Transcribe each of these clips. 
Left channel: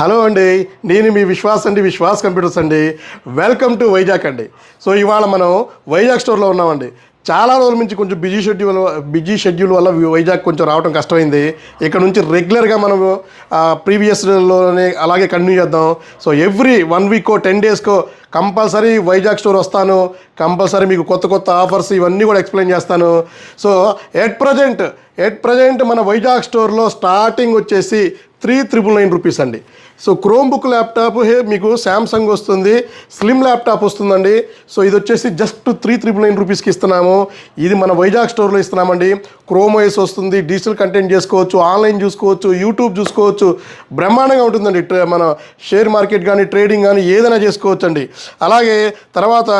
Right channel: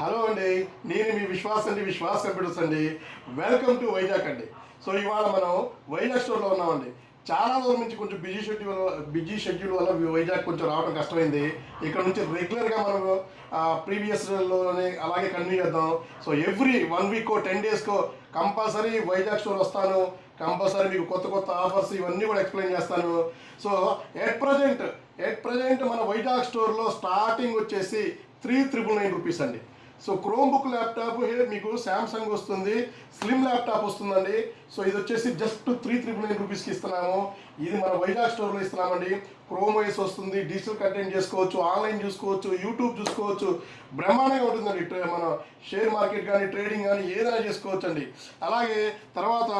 Hello అండి, నేను మీ విశ్వాస్ అండి, విశ్వాస్ కంప్యూటర్స్ అండి. వెల్కమ్ టు వైజాగ్ అండి. సో ఇవాళ మనం వైజాగ్ స్టోర్లో ఉన్నామండి. చాలా రోజుల నుంచి కొంచెం బిజీ షెడ్యూల్ వల్ల వైజాగ్ కొంచెం రావడం కష్టమైంది. ఇక్కడ నుంచి రెగ్యులర్గా మనము ప్రీవియస్లోనే అలాగే కంటిన్యూ చేద్దాం. సో ఎవ్రీ 1 వీకో 10 డేస్కో కంపల్సరీ వైజాగ్ స్టోర్ వస్తాను. కంపల్సరీ మీకు కొత్త కొత్త ఆఫర్స్ ఇవన్నీ కూడా ఎక్స్ప్లెయిన్ చేస్తాను. సో ఎట్ ప్రజెంట్ మన వైజాగ్ స్టోర్లో స్టార్టింగ్ వచ్చేసి 3,999 రూపీస్ అండి. సో క్రోమ్ బుక్ ల్యాప్టాప్ మీకు శాంసంగ్ వస్తుంది, స్లిమ్ ల్యాప్టాప్ వస్తుందండి. సో ఇది వచ్చేసి జస్ట్ 3,999 రూపీస్కి ఇస్తున్నాము. ఇది మన వైజాగ్ స్టోర్లో ఇస్తున్నామండి. క్రోమ్ ఓఎస్ వస్తుంది, డిజిటల్ కంటెంట్ చేసుకోవచ్చు, ఆన్లైన్ చూసుకోవచ్చు, యూట్యూబ్ చూసుకోవచ్చు, బ్రహ్మాండంగా ఉంటుందండి. మన షేర్ మార్కెట్ కానీ ట్రేడింగ్ కానీ ఏదైనా చేసుకోవచ్చు అండి. అలాగే తర్వాత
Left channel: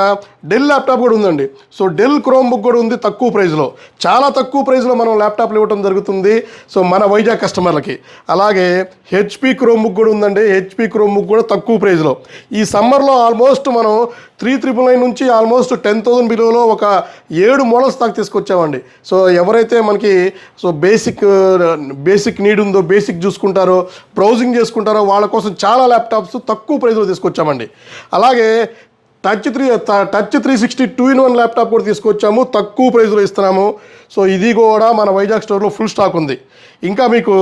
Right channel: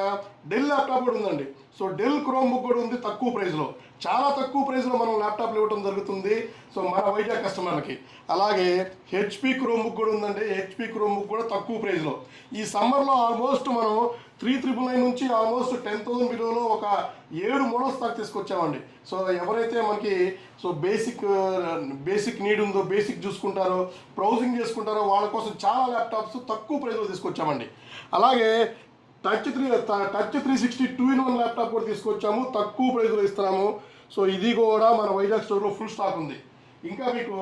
డెల్ ల్యాప్టాప్ కూడా ఉందండి. సో డెల్ క్రోమ్ బుక్ కూడా ఉంది తక్కువ ప్రైస్లో, చాలా తక్కువ ప్రైస్లో మనం ల్యాప్టాప్లు ఇవ్వడం జరుగుతుంది. సో మన వైజాగ్ కస్టమర్లకి. అలాగే హెచ్పి క్రోమ్ బుక్ కూడా ఉందండి. హెచ్పి క్రోమ్ బుక్ కూడా తక్కువ ప్రైస్లో. ఈ సమ్మర్లో ఆల్మోస్ట్ మనం 3,999 నుంచి ఆల్మోస్ట్ 10,000 బిలోలో ఒక 7 మోడల్స్ దాకా తీసుకొచ్చామండి. సో ఎవరైతే మనకి బేసిక్ నీడ్ ఉందో, బేసిక్ చూసుకుంటారో, బ్రౌజింగ్ చేసుకుంటారో వాళ్ళ కోసం చాలా ల్యాప్టాప్స్ తక్కువ ప్రైస్లో తీసుకొచ్చామండి. అలాగే టచ్ 360 2-in-1 ల్యాప్టాప్ కూడా తీసుకొచ్చాము, తక్కువ ప్రైస్లో ఇస్తున్నాము. సో ఇది కూడా మన వైజాగ్ స్టోర్లో ఫుల్ స్టాక్ ఉంది. ఇంకా మీకు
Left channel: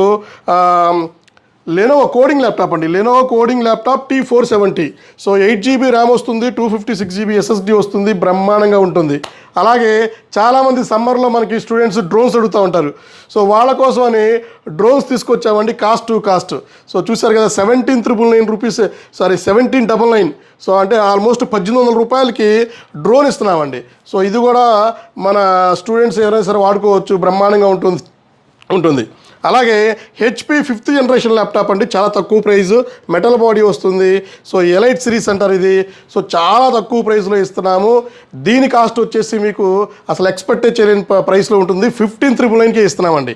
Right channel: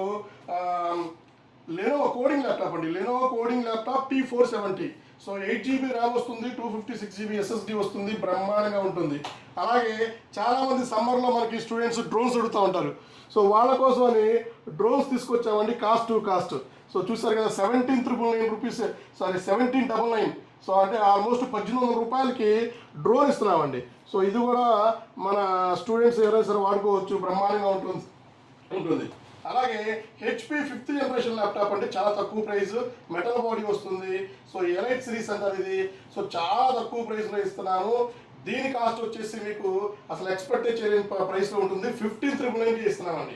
లెనోవో కోడింగ్ ల్యాప్టాప్ అండి. Lenovo coding laptop T470. So 8GB RAM వస్తుంది, 256GB SSD వస్తుంది, బ్రహ్మాండంగా ఉంటుంది. అలాగే చాలామంది సమ్మర్లో మనకి స్టూడెంట్స్ డ్రోన్స్ అడుగుతూ ఉంటారు. సో వాళ్ళ కోసమని డ్రోన్స్ తీసుకొచ్చామండి కాస్ట్ టు కాస్ట్. సో చూసారు కదా, 17,999 రూపీస్, 1799. సో అంటే ఆల్మోస్ట్ 1,800 రూపాయలకి డ్రోన్ ఇస్తున్నామండి. సో ఇది కూడా మన స్టూడెంట్స్ ఎవరైనా సరే వాడుకోవచ్చు, బ్రహ్మాండంగా ఉంటుంది. అలాగే హెచ్పి 5th జనరేషన్ ల్యాప్టాప్ అండి, చాలా తక్కువ ప్రైస్, మెటల్ బాడీ వస్తుంది. సో ఎలైట్ సిరీస్ అంటారు ఇది. సో చాలా తక్కువ ప్రైస్లో ఇస్తున్నాము. దీని కాస్ట్ వచ్చేసి మీకు అసలు ఎక్స్పెక్ట్ చేయలేని ప్రైస్లో ఉంటుంది, 15,999కే ఇస్తున్నామండి.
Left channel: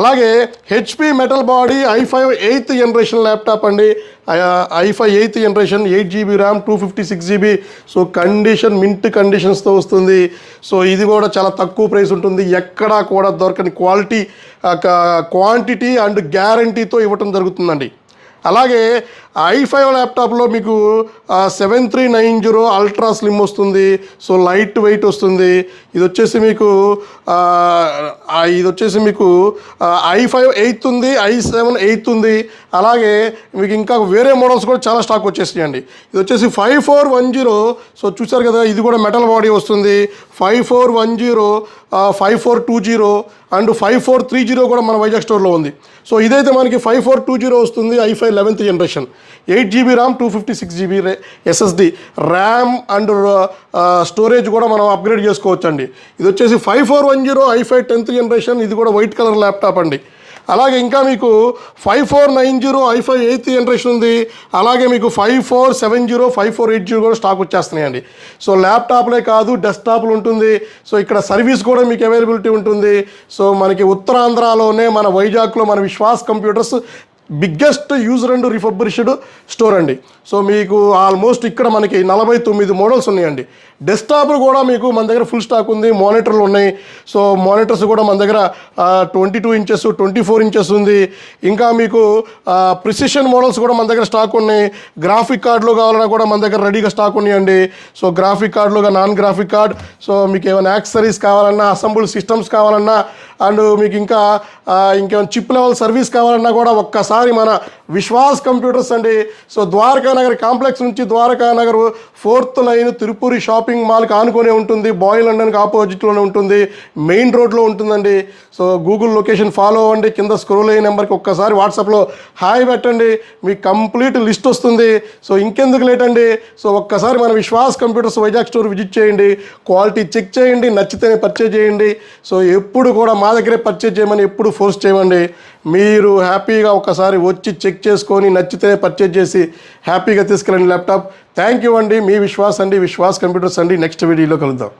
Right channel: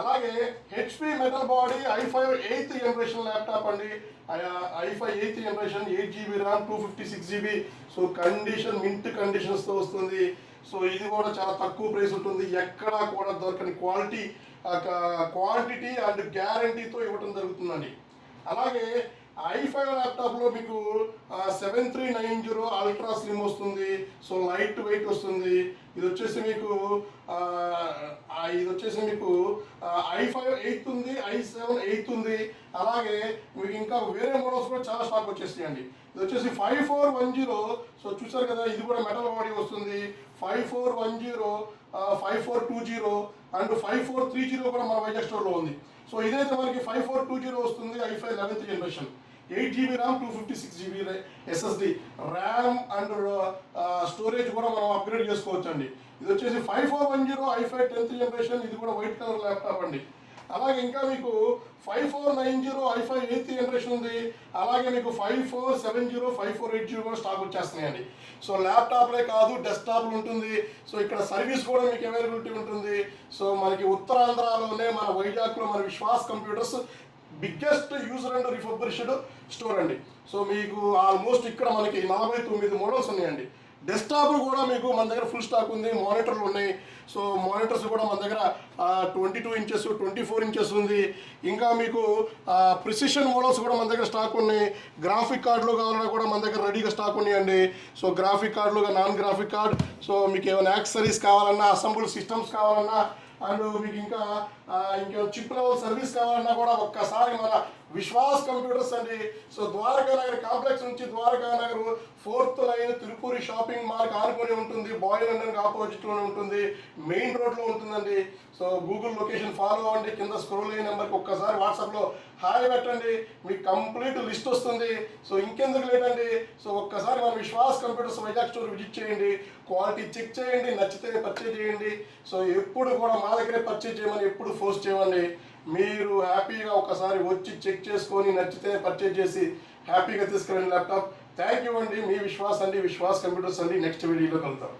అలాగే HP metal body i5 8th generation laptop అండి. i5 8th generation, 8GB RAM, 256GB. So mint కండిషన్స్తో వస్తుంది. సో ఇది కూడా చాలా తక్కువ ప్రైస్ ఉంటుంది. ఎక్కడా కూడా దొరకని క్వాంటిటీ అండ్ గ్యారంటీతో ఇవ్వటం జరుగుతుందండి. అలాగే i5 ల్యాప్టాప్లో మీకు 7390 అల్ట్రా స్లిమ్ వస్తుంది. సో లైట్ వెయిట్ వస్తుంది. ఇది వచ్చేసి మీకు i5 8th ఉంది, i7 8th ఉంది. అలాగే మీకు ఇంకా వేరే మోడల్స్ కూడా చాలా స్టాక్ వచ్చేసినాయండి. ఇది వచ్చేసి 5410. సో చూసారు కదా, ఇది కూడా మెటల్ బాడీ వస్తుంది. 5410, 5420 అండ్ 5430 కూడా మన వైజాగ్ స్టోర్లో ఉంది. సో ఇదైతే మనకి 5420 వస్తుంది, i5 11th generation, 8GB RAM, 256GB SSD. RAM and storage కూడా మనం అప్గ్రేడ్ చేసుకోవచ్చు అండి. ఇది వచ్చేసి 5410 i5 10th జనరేషన్, ఇది కూడా వైట్ కలర్ ల్యాప్టాప్ అండి. అలాగే ఇంకా మీకు 5490 i5 8th జనరేషన్ ఉంది. అలాగే మీకు 5470, 5480 కూడా స్టాక్ వచ్చేస్తున్నాయండి. సో ల్యాప్టాప్లే కాదు, డెస్క్టాప్లు ఉంటుంది. సో ఇక్కడ సర్వీస్ కూడా మీకు అవైలబిలిటీ ఉంటుంది. సో మనకి ఉత్తరాంధ్రలోనే మన వైజాగ్లో మన Vishwas computers biggest user and refurbished store అండి. సో మీకు ఆల్మోస్ట్ ఇక్కడ మనకి 49 మోడల్స్ ఉన్నాయండి. డెస్క్టాప్లు కూడా మీకు మన దగ్గర ఫుల్ స్టాక్ ఉంది. మానిటర్లు ఉన్నాయి. సో మానిటర్స్ కూడా మన దగ్గర 22 ఇంచెస్, 24 ఇంచెస్ ఉంది. ఇంకా మీకు ప్రిసిషన్ మోడల్స్ కూడా మన దగ్గర స్టాక్ ఉన్నాయి. గ్రాఫిక్ కార్డులు కావాలన్నా కూడా మన దగ్గర రెడీగా స్టాక్ ఉన్నాయండి. సో గ్రాఫిక్ కార్డులుగా నాన్ గ్రాఫిక్ కార్డ్, సో మీకు ఏమైనా యాక్సెసరీస్ కావాలన్నా, అసెంబుల్ సిస్టమ్స్ కావాలన్నా, అండ్ మీకు ఇంకేమైనా చిప్ లెవెల్ సర్వీస్ కావాలన్నా కూడా ఒక్కసారి మన విశ్వాస్ కంప్యూటర్స్ అండి. సో ద్వారకా నగర్ కాంప్లెక్స్ నుంచి Dwaraka Nagar 4th line Tirupuri shopping మాల్కి ఆనుకొనే ఉంటుంది. బాయ్ లండన్కి ఆపోజిట్లోనే ఉంటుంది, మెయిన్ రోడ్లో ఉంటుందండి. సో గూగుల్ లొకేషన్ ఫాలో అవ్వండి. కింద స్క్రోల్ అయ్యే నెంబర్కి ఒక్కసారి వాట్సాప్లో హాయ్ పెట్టండి, మీకు కంప్లీట్ లిస్ట్ వస్తుంది. సో ఇంకెందుకు లేట్ అండి, సో ఒక్కసారి మన Vishwas computers Vizag store visit చేయండి, క్వాలిటీ చెక్ చేయండి, నచ్చితేనే పర్చేజ్ చేయండి. సో ఎప్పుడు కూడా మా దగ్గరే పర్చేజ్ చేయమని ఎప్పుడు ఫోర్స్ చేయమండి. మీరు హ్యాపీగా ఒకసారి వచ్చి చెక్ చేసుకొని నచ్చితే పర్చేజ్ చేసి హ్యాపీగా తీసుకెళ్ళండి ల్యాప్టాప్. థ్యాంక్ యూ అండి. మీ విశ్వాస్ అండి, విశ్వాస్ కంప్యూటర్స్ అండి. నెక్స్ట్ వీడియోలో కలుద్దాం.